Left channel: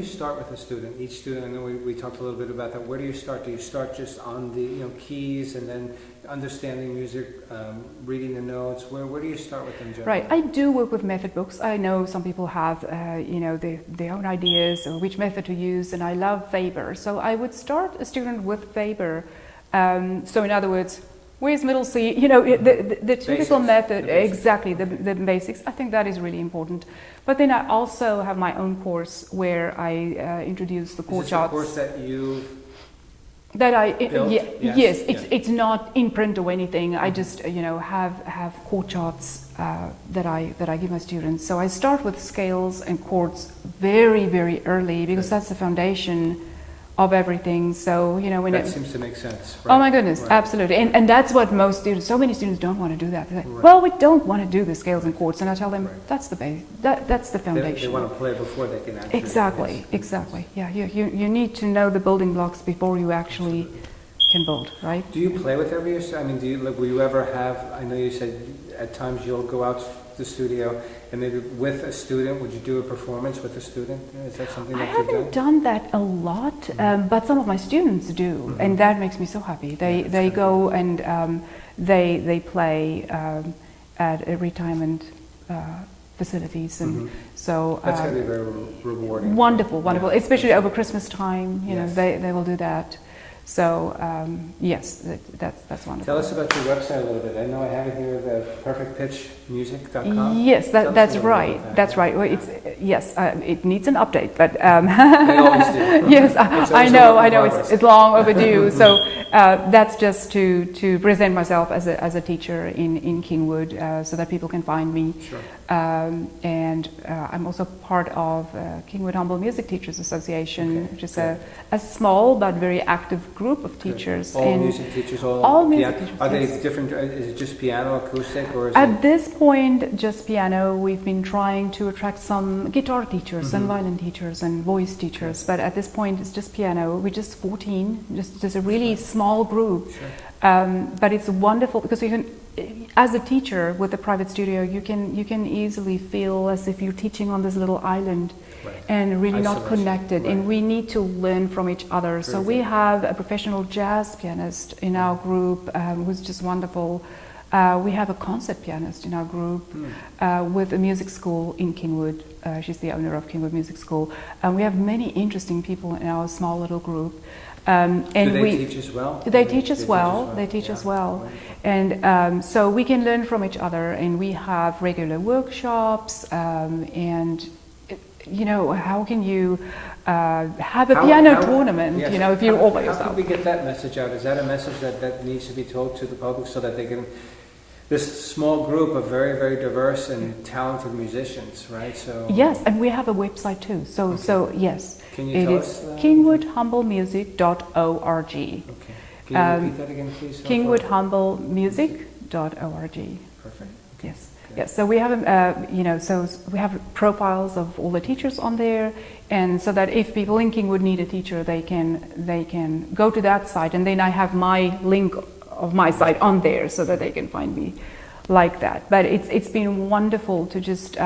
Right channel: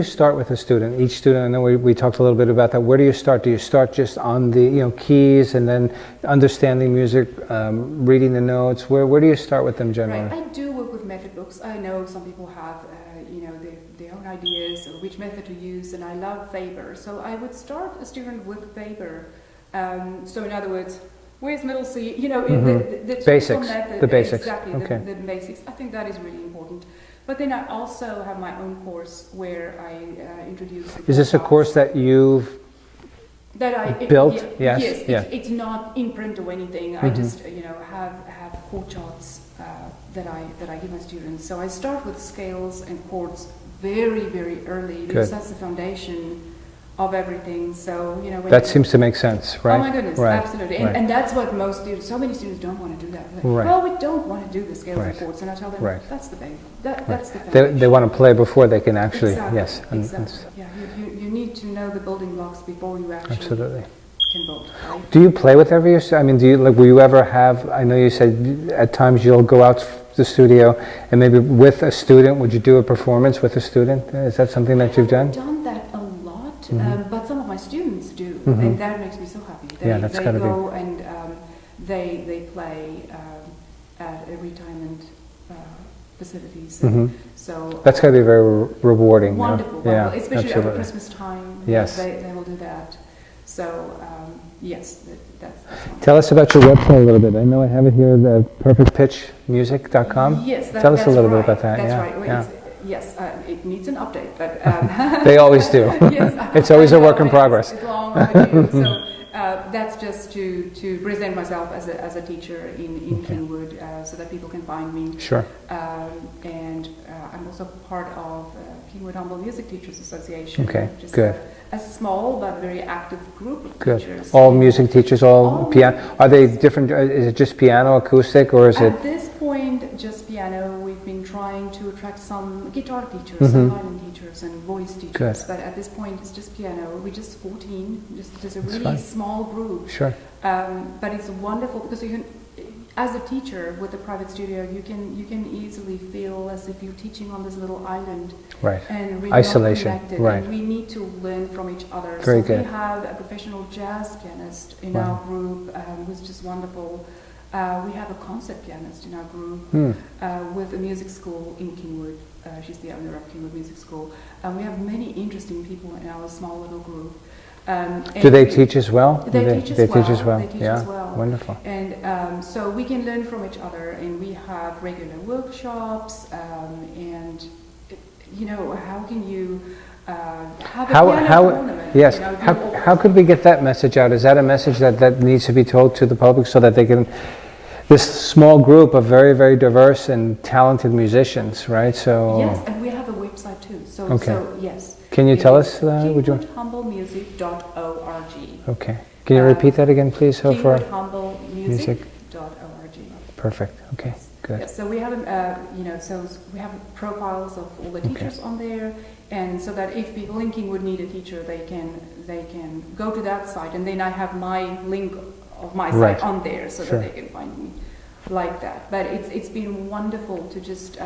you start with a student? Each student, I know we talked a little bit about that. Where do you start? Do you start just on the keys and then understanding music, reading the notes? Where do you start with them generally? Right. I do work with method books. I know some people have their own ideas of which method to use, and I love Weber. So I would start a student with Weber. So in other words, where's middle C? The typical method. The basics. Exactly, Okay. the basics. I think that is really important. But then I also have my own course where I introduce the chord Is this a charts course that you've built? Yes. It's not in print or anything. I just have chord charts that I give my students. So I start with scales and chords very, very early because that's the foundation of everything. So when that seems to make sense, right? Oh my goodness, right. absolutely. And that's what most students, so many students don't want to do that. They're like, Right. well, we don't want to do the scales and chords, and I tell them that's the base, that's the foundation. They want to play before they can actually. Exactly, yes, exactly. Yeah, you need to know the building blocks before you actually can build, right? Do you play with every? I mean, will you ever have? I know you said at times you'll go out to the studio and maybe with a student. Would you do a performance with a student? Is that something that you've done? I haven't done that a lot, but some of my students do, and that makes me so happy. They go and they play at a retirement facilities. So that's going to be very rewarding. Wonderful, wonderful, especially over absolutely. Christmas time. Yes, they will do that. So yes, that's wonderful. Tell us about your website a little bit. I know I have it here, the perfectpitchmusic.com. Yes, Tell us that's a little right. bit about that. That's right. Well, yes, it needs an update, but they always do. Yes, it's always a work in progress. It's long overdue. So that's just to present myself as a teacher in Kingwood, so that people can find me. Sure. And I'm also part of Kingwood Humble Music Teachers Association, which is a small but very active group of teachers. All music teachers, all piano. Are they different? Is it just piano, acoustic, or is it? At this point, just piano. We've been trying to attract some guitar teachers and violin teachers and voice teachers, but at this point it's just piano. We're just 14, just a really small group. Sure. But it's wonderful because you can, as a teacher with a private studio, you can easily feel as if you're teaching on this little island, and really not connected. And we need to learn from each other. We have a professional jazz pianist in our group who's just wonderful. We have a concert pianist in our group with a music school in Kingwood. She's the owner of Kingwood Music School. We have many interesting people in our small little group. Do they teach as well? They teach as well. They teach as well. Wonderful. And so we can learn from each other, and we have regular workshops. And how can you have a piano tournament? Yes. If how could we get that message out? Is that a message that needs to be told to the public so that they can? This small group of very, very diverse and talented musicians, right? So yes, and we have a website too. So yes. Can you tell us? KingwoodHumblemusic.org. Okay. Can you repeat that again, please? KingwoodHumblemusic.org. Perfect. Okay. Yes. Good. Yes. So we have, so we have profiles of all the teachers on there, and so that if people in Kingwood need a teacher, they can go to that site, and then I have my link of my site on there so that they can find me like that. But it's been wonderful to just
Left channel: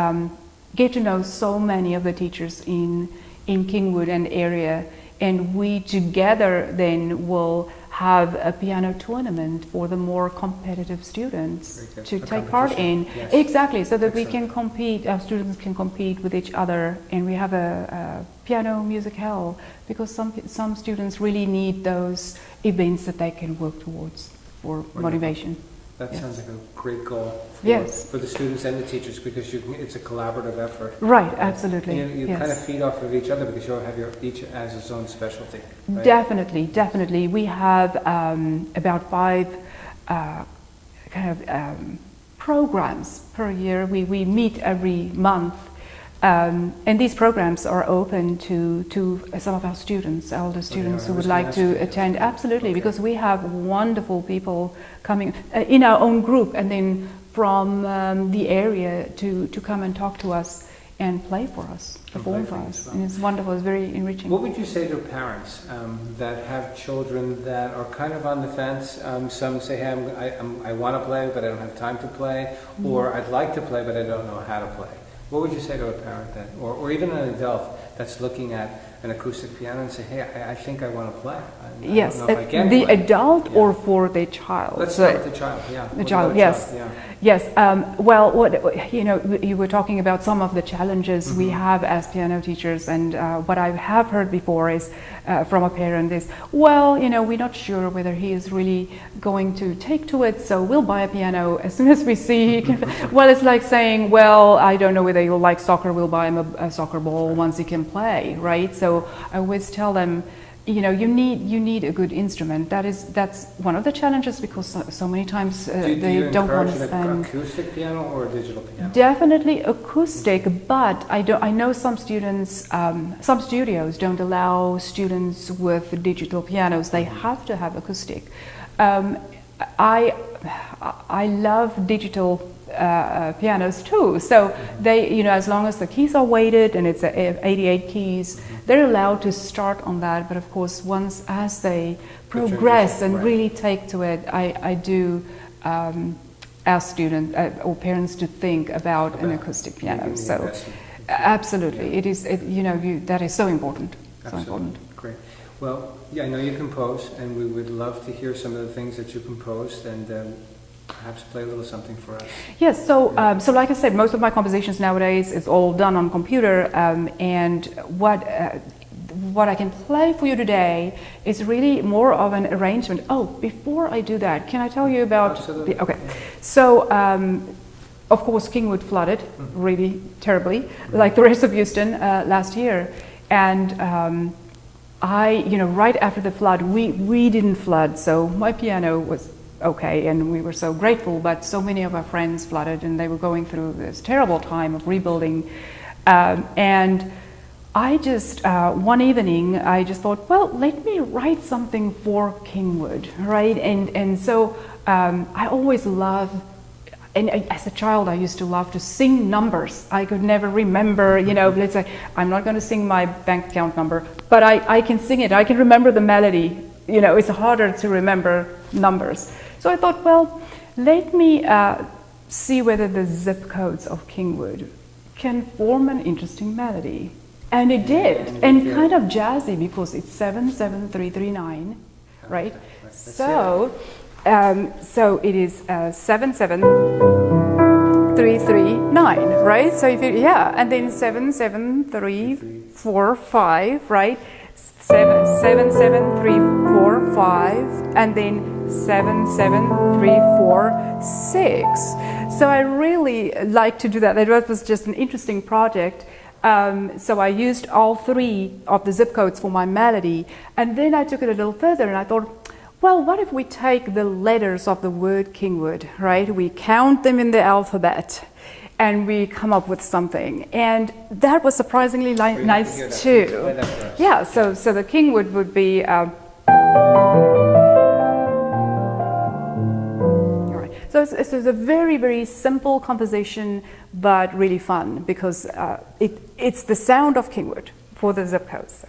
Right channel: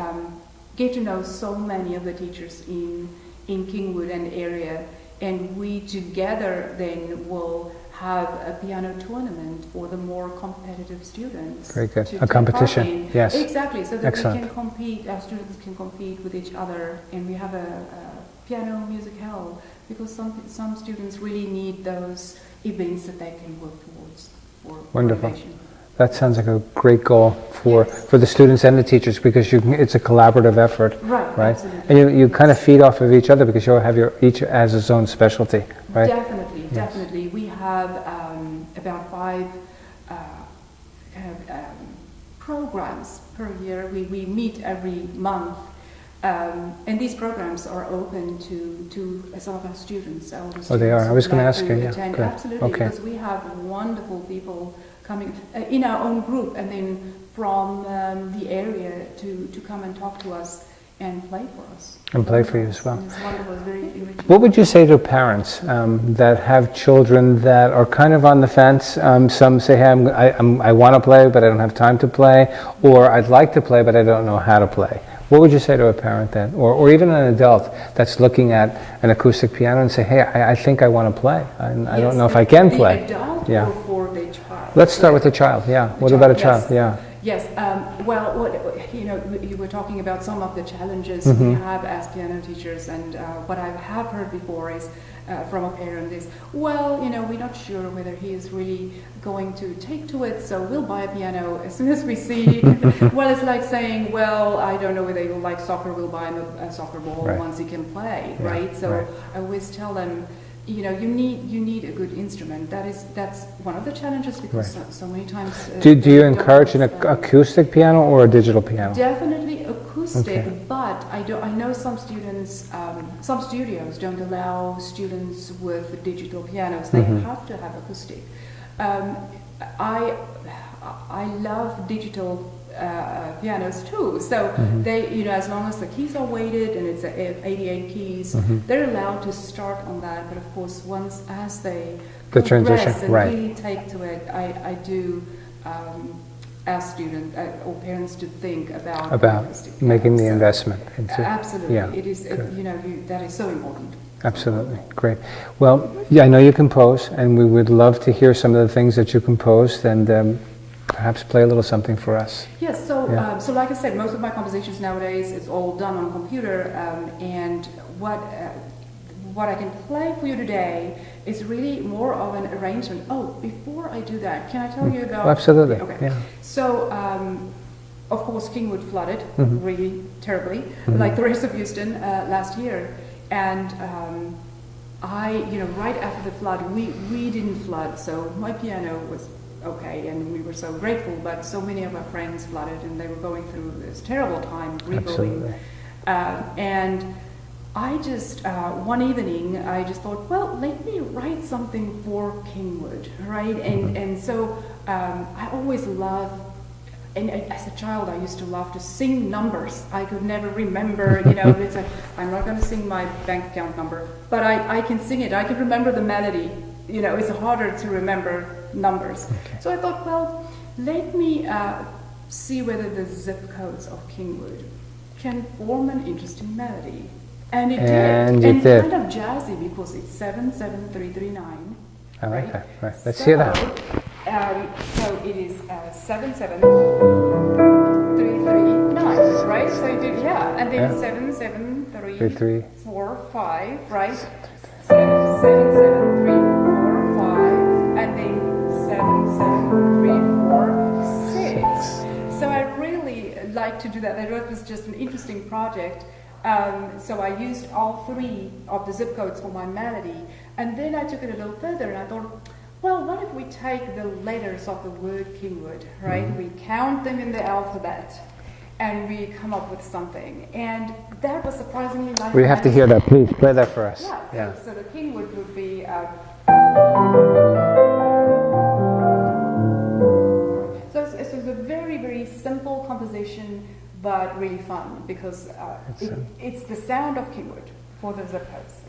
get to know so many of the teachers in Kingwood and area, and we together then will have a piano tournament for the more competitive students. Very good. To a take competition. Part in. Yes. Exactly, so that Excellent. we can compete, our students can compete with each other, and we have a piano music hall, because some students really need those events that they can work towards for motivation. That sounds like a great goal for the students and the teachers, because it's a collaborative effort. Right, absolutely. And you kind of feed off of each other because you have each has its own specialty, right? Definitely, definitely. We have about 5 programs per year. We meet every month. And these programs are open to some of our students, elder students who would like to attend. Absolutely, because we have wonderful people coming in our own group, and then from the area to come and talk to us and play for us. And play for you as well. And it's wonderful, it's very enriching. What would you say to parents that have children that are kind of on the fence? Some say, hey, I want to play, but I don't have time to play, or I'd like to play, but I don't know how to play. What would you say to a parent that, or even an adult that's looking at an acoustic piano and say, hey, I think I want to play. I don't know if I can play. The adult or for the child? Let's start with the child, yeah. What about a child? Yeah. Yes, well, you were talking about some of the challenges we have as piano teachers, and what I have heard before is from a parent is, well, we're not sure whether he is really going to take to it, so we'll buy a piano as soon as we see. Well, it's like saying, well, I don't know whether you'll like soccer, we'll buy him a soccer ball once he can play, right? So I always tell them, you need a good instrument. That's one of the challenges, because so many times do you encourage an acoustic piano or a digital piano? Definitely acoustic, but I know some students, some studios don't allow students with digital pianos. They have to have acoustic. I love digital pianos too. So they, as long as the keys are weighted and it's 88 keys, they're allowed to start on that. But of course, as they progress and really take to it, I do ask students or parents to think about an acoustic piano. Making the investment. Absolutely, it is. That is so important. Absolutely, great. Well, I know you compose, and we would love to hear some of the things that you composed, and perhaps play a little something for us. Yes, so like I said, most of my compositions nowadays is all done on computer, and what I can play for you today is really more of an arrangement. Oh, before I do that, can I tell you about... Absolutely. Okay, so of course Kingwood flooded really terribly, like the rest of Houston last year. And right after the flood, we didn't flood, so my piano was okay, and we were so grateful, but so many of our friends flooded, and they were going through this terrible time of rebuilding. And I just, one evening, I just thought, well, let me write something for Kingwood, right? And so I always loved, and as a child, I used to love to sing numbers. I could never remember, let's say, I'm not going to sing my bank account number, but I can sing it. I can remember the melody. It's harder to remember numbers. So I thought, well, let me see whether the zip codes of Kingwood can form an interesting melody. And it did. And kind of jazzy, because it's 77339. Right? Let's hear that. So it is 77339, right? So if you, and then 77345, right? 77345, and then 77346. So I really like to do that. That was just an interesting project. So I used all three of the zip codes for my melody, and then I took it a little further, and I thought, well, what if we take the letters of the word Kingwood, right? We count them in the alphabet, and we come up with something. And that was surprisingly nice too. We have to hear that. Please play that for us. Yeah, so the Kingwood would be... all right. So it's a very, very simple composition, but really fun, because it's the sound of Kingwood for the zip codes.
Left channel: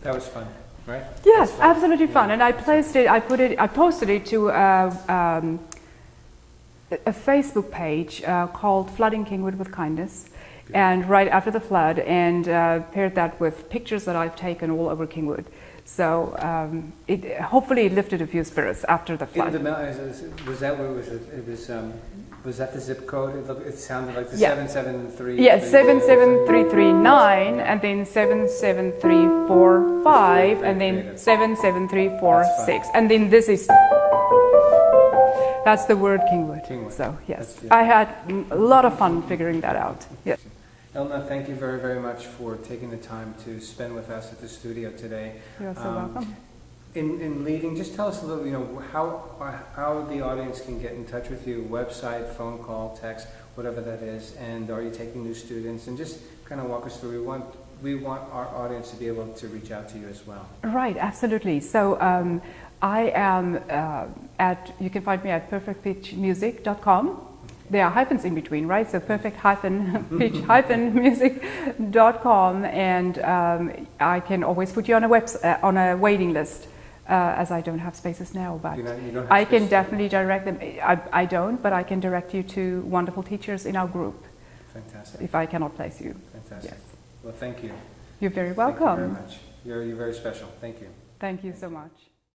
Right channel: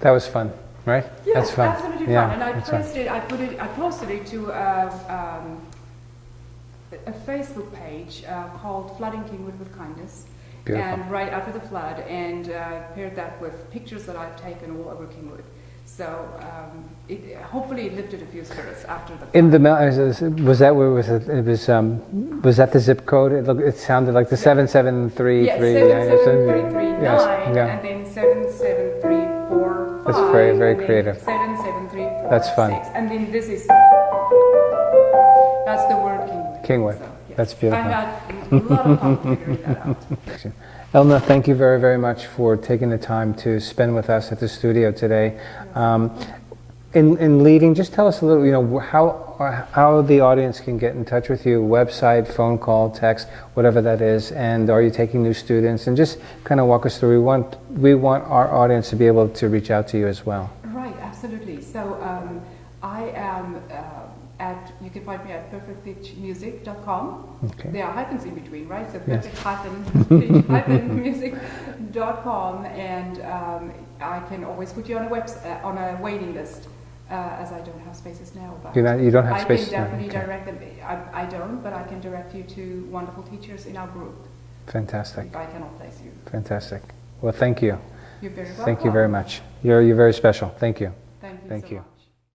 That was fun, right? Yes, That's fun. absolutely fun. Yeah, And I that's placed fun. it. I posted it to a Facebook page called "Flooding Kingwood with Kindness," Beautiful. and right after the flood, and paired that with pictures that I've taken all over Kingwood. So hopefully it lifted a few spirits after the flood. In the was that where was it? It was that the zip code? It sounded like the 773. Yes, 77339, Yeah. and then 77345, That's very, very and then creative. 77346, and then this is. That's the word Kingwood. Kingwood. So, yes. That's beautiful. I had a lot of fun figuring that out. Yes. Elna, thank you very, very much for taking the time to spend with us at the studio today. In leaving, just tell us a little, how the audience can get in touch with you, website, phone call, text, whatever that is, and are you taking new students? And just kind of walk us through. We want our audience to be able to reach out to you as well. Right, absolutely. So I am you can find me at perfectpitchmusic.com. Okay. There are hyphens in between, right? So perfect-pitch-music.com, and I can always put you on a waiting list, as I don't have spaces now. But You don't have I spaces can now, definitely okay. direct them. I don't, but I can direct you to wonderful teachers in our group Fantastic. if I cannot place you. Fantastic. Well, thank you. You're very welcome. Thank you very much. You're very special. Thank you. Thank you Thank so you. much.